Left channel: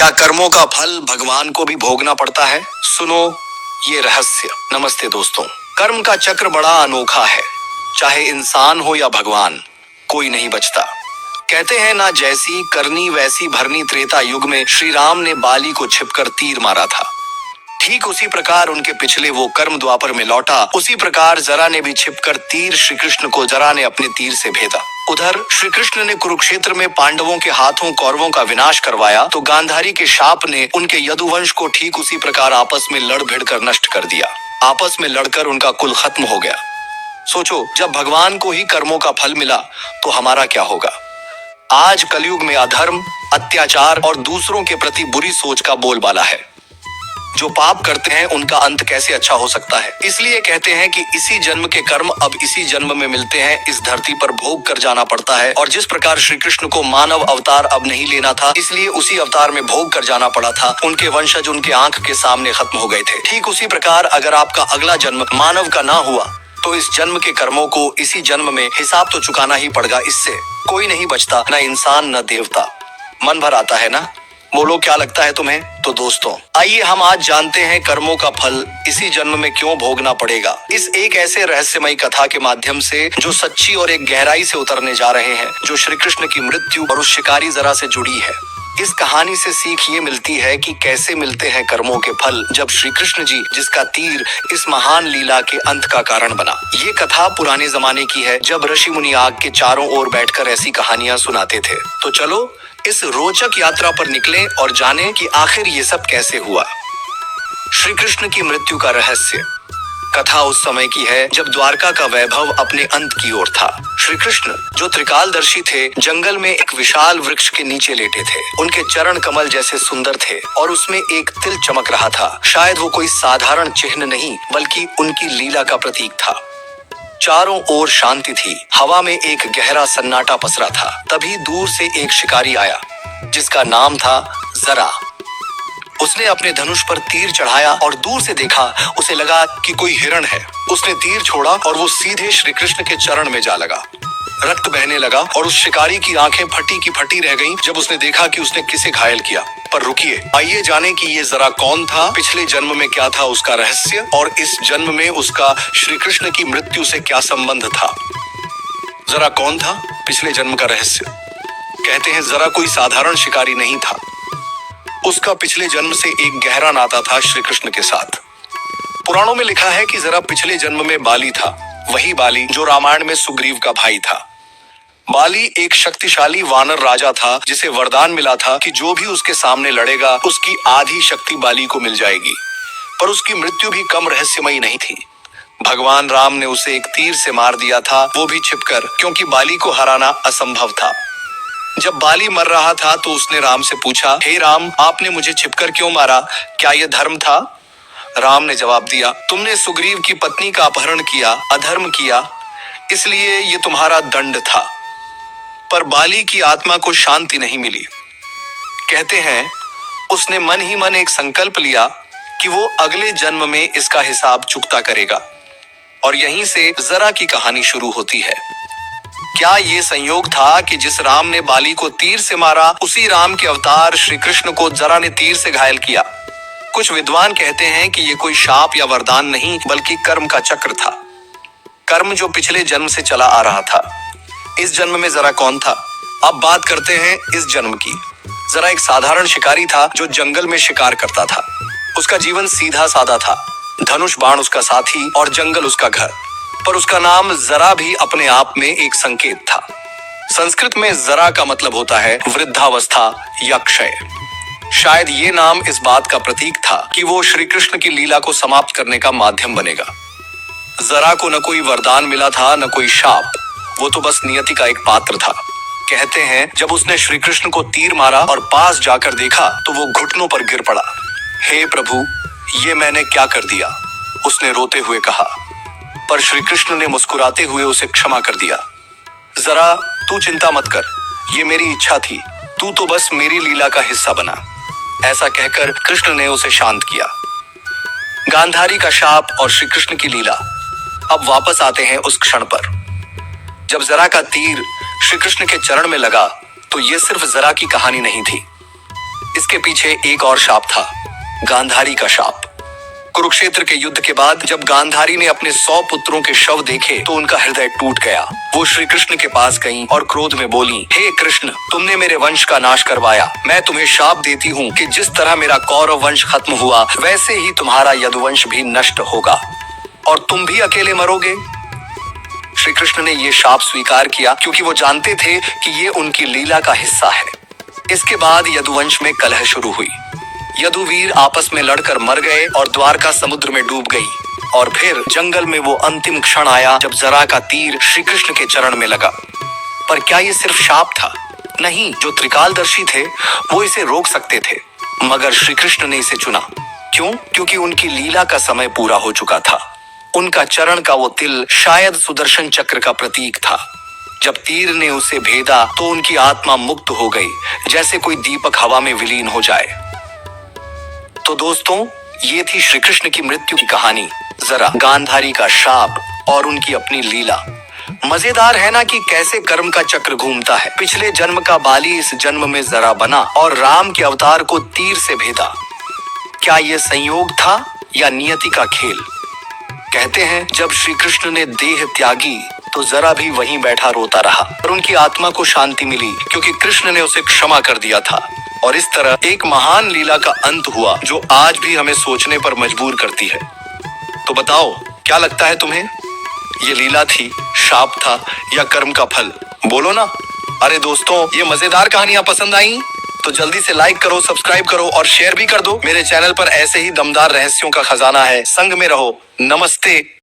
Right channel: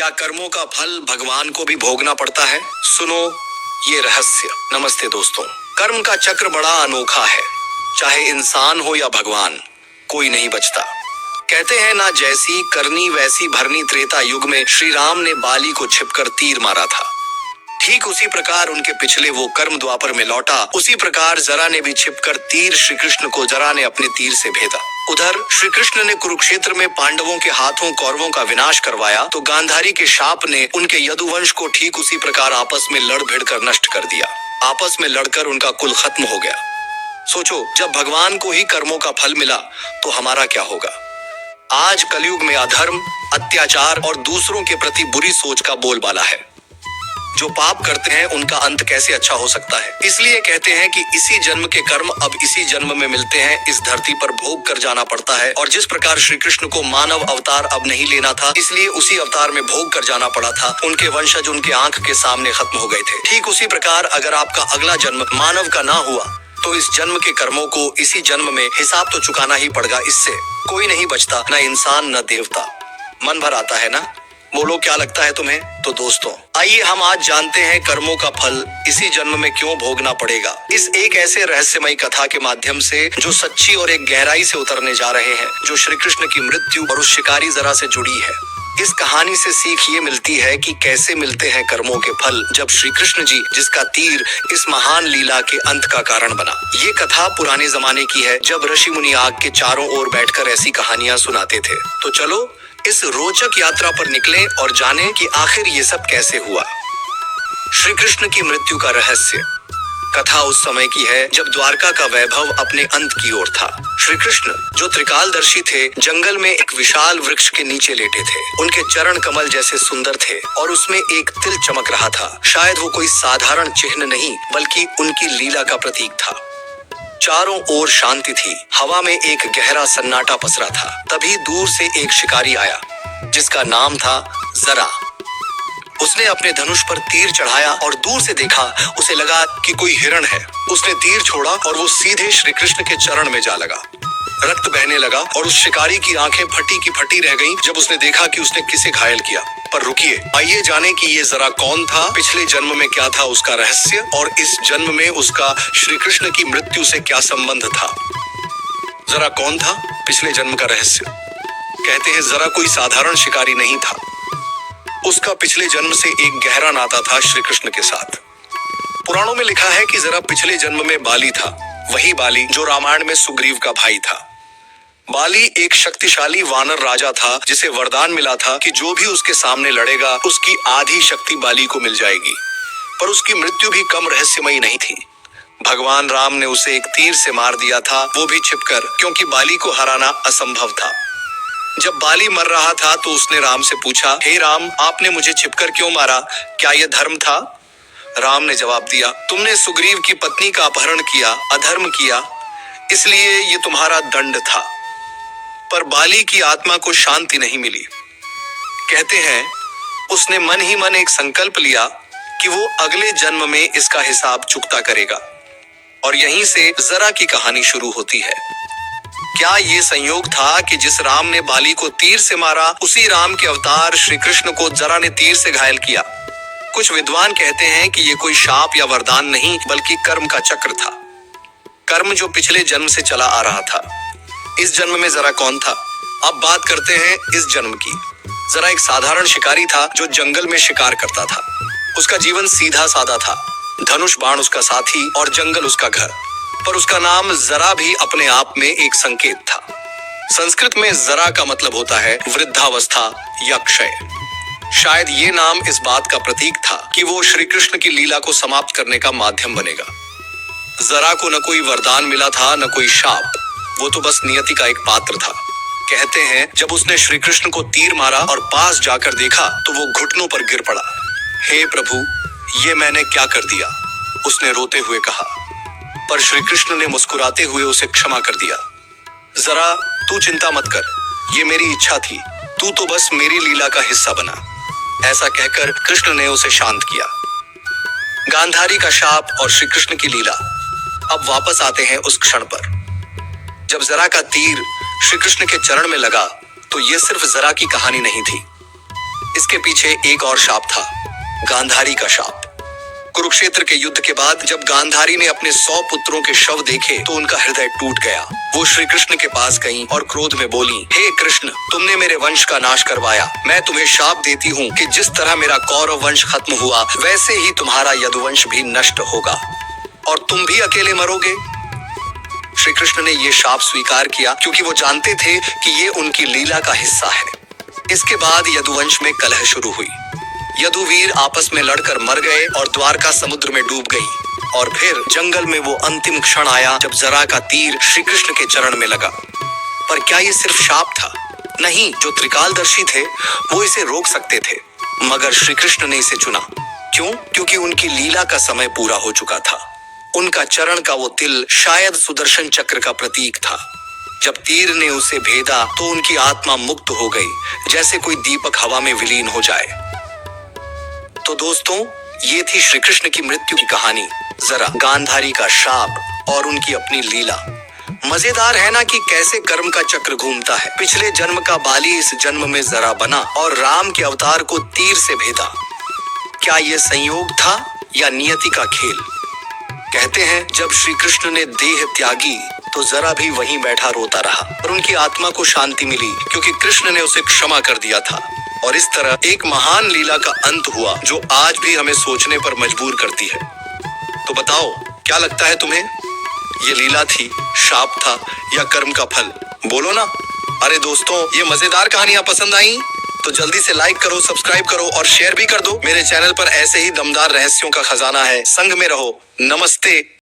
क्या कर्मों का फल भगवान को भी भोगना पड़ता है? सुनो ये रहस्य। नमस्ते दोस्तों। कर्म का चक्र बड़ा अनोखा है। चाहे इंसान हो या भगवान, कोई नहीं बचता। कहते हैं ना, जैसी करनी वैसी भरनी। त्रेता युग में श्री राम ने बाली को छिपकर तीर मारा था। ठीक उसी प्रकार उनके पिछले वो कर्म द्वापर में लौटा। उसी प्रकार जरा ने भी छिपकर तीर श्री कृष्ण को जरा ने अपने तीर से भेदा। उधर श्री कृष्ण ने कुरुक्षेत्र में पांडवों के हाथों कौरवों का विनाश करवाया, तो गांधारी के शाप ने उनके यदुवंश को ठीक उसी प्रकार आपस में लड़ भिड़ कर नष्ट कर दिया। आपस में लड़कर उनका कुल खत्म हो गया। सोचो, जब भगवान को ही कर्मों का फल मिला तो हमारा क्या होगा? आज कलयुग में अधर्म, अत्याचार और दूसरों के प्रति बुरी सोच का बोलबाला है। जो पाप करते हैं उनका अंत कैसे अच्छा हो सकता है? इसलिए कहते हैं कि इसी जन्म के कर्म अब इसी जन्म में मिलते हैं। इस धरती पर भोग कर जाना पड़ता है। और जिस प्रकार श्री कृष्ण को मानव अवतार अब नहीं लेना था, इसलिए उसी अवतार में भोग कर जाना पड़ा था। उनके वंशज उनके आंख के सामने खत्म हो गए थे। ठीक उसी प्रकार अगर आपका अगला जन्म मानव का ना हुआ तो इस जन्म के कर्मों को इसी जन्म में हिसाब तो चुकाना ही पड़ेगा। इससे कोई नहीं बचता, न इंसान न देवता। मन भर आता है ना? बोलो, क्या लगता है तुम्हें? तो दोस्तों, आइए हम आज जानते हैं कर्मों का फल इसी जन्म में क्यों भोगना पड़ेगा। इस एक ऐसे रहस्यमयी कथा के माध्यम से जो सच्ची और एक गहराई से उतरने जा रहे हैं, जो श्री कृष्ण की मृत्यु और उस शिकारी जरा से जुड़ी है। इस कहानी से सीख ये मिलती है कि कैसे मिलते हैं कर्मों के फल, जब श्री कृष्ण जी, जिसका तीर इस महान लीला के अंत का कारण बना। ये कथा पुराने जमाने की है, जब ऋषि मुनि आग के चारों ओर बैठकर ऐसी कहानियां सुनाते थे। तो चलो इस रोचक यात्रा पर निकलें और जानें कि आखिर ये सब कैसे हुआ। श्री कृष्ण की मृत्यु का रहस्य। कथा उस समय की है जब द्वारका का वैभव अपने अंत की ओर था। श्री कृष्ण, जो त्रिकालदर्शी थे, जंगल में एक विशाल वृक्ष के नीचे लेटे थे। उनके चरण कमल जैसे सुंदर थे और उसमें एक तिल चमक रहा था। शायद वो कोई साधारण चिन्ह नहीं, बल्कि उनकी लीला का प्रतीक था। चारों ओर शांति थी। हवा में एक गहरा सन्नाटा पसरा था। तभी दूर से एक शिकारी आया, जिसका नाम था जरा। उसने अपने धनुष पर तीर चढ़ाया और दूर से देखा। उसे लगा कि कोई हिरण है। उसने तीर छोड़ा और वो सीधे श्री कृष्ण के चरण में जा लगा। रक्त बहने लगा और उस शिकारी की आंखें फटी की फटी रह गईं जब उसने देखा कि उसने किसे घायल किया। पर रुकिए, आइए जाने कि ये जरा कौन था, पिछले जन्म में क्या था उसका रहस्य, और इस जन्म में उसका श्री कृष्ण की मृत्यु से क्या संबंध था। जरा कौन था, पिछले जन्म का रहस्य। कहते हैं जरा कोई साधारण शिकारी नहीं था। उसका पिछले जन्म से एक गहरा नाता था श्री कृष्ण के साथ। पुराणों में लिखा है कि जरा पिछले जन्म में बाली था, वही बाली जो रामायण में सुग्रीव का भाई था। बाली एक शक्तिशाली वानर राजा था, जिसे वरदान मिला था कि जो भी उसके सामने लड़ेगा उसकी आधी शक्ति बाली को मिल जाएगी। पर उसकी मृत्यु भी कम रहस्यमयी नहीं थी। भगवान राम ने उसे एक तीर से मार दिया था, वो भी छिपकर, क्योंकि बाली को हराना असंभव था। जब बाली मर रहा था तो उसने राम से पूछा, हे राम, आपने मुझे छिपकर क्यों मारा? क्या यह धर्म था? राम ने जवाब दिया, तुमने सुग्रीव की पत्नी का अपहरण किया, अधर्म किया, इसलिए ये तुम्हारा दंड था। पर बाली की आत्मा को शांति नहीं मिली। कहते हैं उसने मन ही मन एक संकल्प लिया कि वो अगले जन्म में इसका हिसाब चुकता करेगा। और यहीं से जरा की कहानी शुरू होती है। क्या ये संयोग था कि जिस राम ने बाली को तीर से मारा, उसी राम के अवतार श्री कृष्ण को जरा ने तीर से घायल किया? कुछ विद्वान कहते हैं कि ये कोई शाप या वरदान नहीं, बल्कि कर्म का चक्र था। कर्म जो पिछले जन्म से चला आ रहा था। इस जन्म में जरा कौन था? अब बात करते हैं इस जन्म की। जरा एक साधारण शिकारी था जो जंगल में शिकार करता था। उसका जीवन सीधा साधा था। धनुष बाण उसका साथी और जंगल उसका घर। पर उसका नाम जरा भी अपने आप में एक संकेत था। संस्कृत में जरा का मतलब होता है वृद्धावस्था या क्षय। शायद ये नाम इस बात का प्रतीक था कि वो श्री कृष्ण की लीला को समाप्त करने का माध्यम बनेगा। जरा को न कोई वरदान मिला था, न कोई शाप। वो तो बस नियति का एक पात्र था। कहते हैं जब उसने श्री कृष्ण को तीर मारा और पास जाकर देखा तो वो घुटनों पर गिर पड़ा। हे प्रभु, ये मैंने क्या कर दिया? उसने रोते हुए कहा। पर श्री कृष्ण ने मुस्कुराते हुए उसे क्षमा कर दिया। जरा तू चिंता मत कर, ये मेरी इच्छा थी, तू तो बस मेरी लीला का हिस्सा बना। ऐसा कहकर कृष्ण ने उसे शांत किया। गांधारी का शाप और श्री कृष्ण की लीला। अब वापस आते हैं उस क्षण पर जब जरा का तीर श्री कृष्ण के चरण में लगा। तो ये सिर्फ जरा की कहानी नहीं थी, इसके पीछे एक और शाप था, गांधारी का शाप। कुरुक्षेत्र के युद्ध के बाद जब गांधारी ने अपने 100 पुत्रों के शव देखे तो उनका हृदय टूट गया। वो श्री कृष्ण के पास गईं और क्रोध में बोली, हे कृष्ण, तुमने मेरे वंश का नाश करवाया। मैं तुम्हें शाप देती हूँ कि जिस तरह मेरा कौरव वंश खत्म हुआ वैसे ही तुम्हारा यदुवंश भी नष्ट होगा और तुम भी अकेले मरोगे। श्री कृष्ण ने ये शाप स्वीकार किया क्योंकि वो जानते थे कि ये उनकी लीला का हिस्सा है। इसके बाद यदुवंश में कलह शुरू हुई। यदुवीर आपस में लड़कर मर गए और द्वारका समुद्र में डूब गई। और फिर जंगल में वो अंतिम क्षण आया जब जरा का तीर श्री कृष्ण के चरण में लगा। पर क्या ये सिर्फ शाप था? नहीं, जो त्रिकालदर्शी थे वो इसे रोक सकते थे, मगर श्री कृष्ण ने इसे चुना। क्यों? क्योंकि उनकी लीला का समय पूरा हो चुका था। उनका चरण का वो तिल शायद सुदर्शन चक्र का प्रतीक था। जब तीर ने उसे भेदा तो उनकी आत्मा मुक्त हो गई, जैसे कोई दीपक हवा में विलीन हो जाए। तो दोस्तों, ये थी श्री कृष्ण की मृत्यु की कहानी, जरा गांधारी का शाप और उनकी अपनी लीला। मजेदार है ना कि कैसे कर्म का चक्र घूमता है। पिछले जन्म का बाली इस जन्म में जरा बना और राम के अवतार को तीर से भेदा। क्या ये संयोग था या नियति का खेल? कहते हैं जब श्री कृष्ण ने देह त्यागी तो जरा भी वहीं बैठा रोता रहा और उनकी आत्मा को शांति मिली क्योंकि कृष्ण ने उसे क्षमा कर दिया था। और इस तरह एक महान लीला का अंत हुआ जो आज भी हमें सोचने पर मजबूर करती है। तो बताओ, क्या लगता है तुम्हें? ये लीला थी, शाप था या कर्म का फल? बोलो ना। अरे दोस्तों, ये मजेदार कहानियां पसंद आई तो जल्दी से लाइक करो, सब्सक्राइब करो और शेयर भी कर दो। मेरे चैनल पर ऐसे ही दमदार रहस्यों का खजाना है। संग में रहो। नमस्ते।